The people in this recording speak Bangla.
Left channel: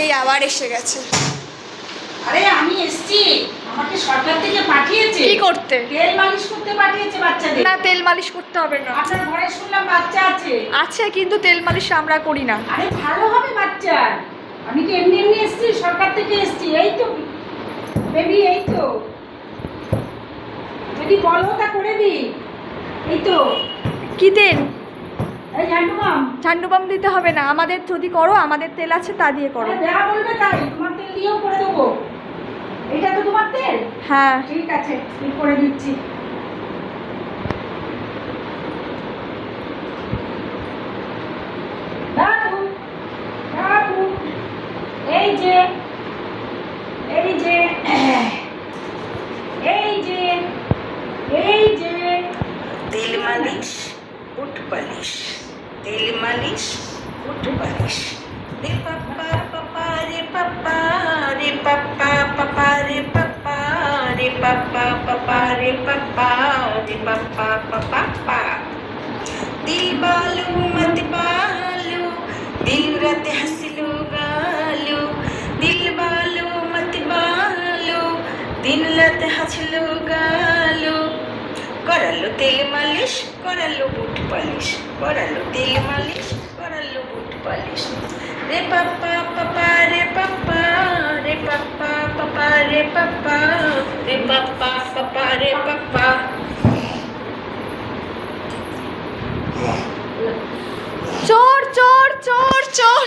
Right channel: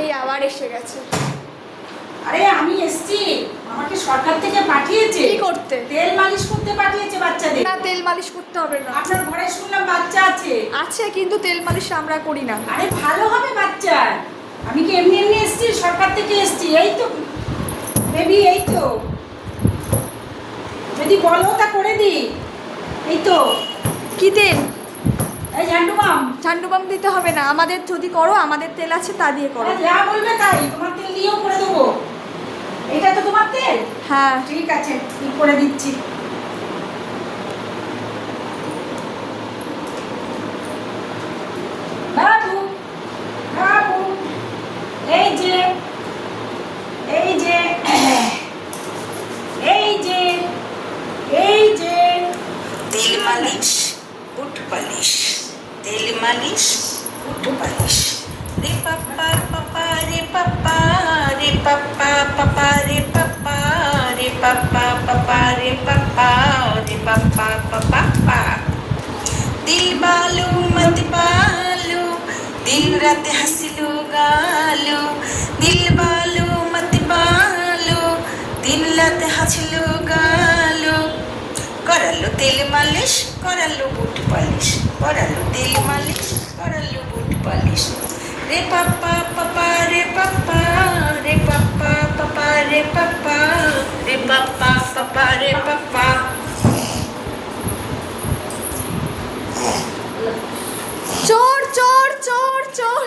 এই আবার এসে গেছে। আরে আমি এসেছি, আমাকে সরকার থেকে পাঠিয়েছে। কি করতে? তেল মালিশ করতে পাঠিয়েছে বাচ্চাদের। না, তেল মালিশ করতে হবে না। আপনার ঘরে শুনলাম বাচ্চা আছে। আছে, কিন্তু তেল মালিশ আমরা করি না। আরে ভালো হবে বাচ্চার। আমি কি এমনি এমনি এসেছি? সরকার থেকে এসেছি। এই তো বেবি, এই তো যদি বলো তা করে দিই। এই তো কি তেল? এই ঝান্ডু মাম। ঝান্ডু বাম দিতে হবে না, আমাদের যদি করো, আমাদের তেল আছে তা দিয়ে করো। যা বলবে তাই, তোমার তেল দিয়েও করে দেবো। এটা তো তোমার তেল? হ্যাঁ ঠিক আছে, কি করে দিচ্ছি। বাবু বাবু, এই যে এই যে এই যে এই যে তেল মালিশ, বুট পালিশ, তেল মালিশ, বুট পালিশ। রে পাপা পাপা রে পাপা, রে পাপা পাপা রে পাপা, রে পাপা পাপা রে পাপা, রে পাপা পাপা পা। দিল বালু মত বালু, দিন রাতে হাসিলো গালু। দিল বালু মত বালু, দিন রাতে হাসিলো গালু। করালো তেল মালিশ, করালো বুট পালিশ, করালো তেল মালিশ, করালো বুট পালিশ। রে পাপা পাপা রে পাপা, রে পাপা পাপা রে পাপা, রে পাপা পাপা রে পাপা। চোর চোর চোর চোর।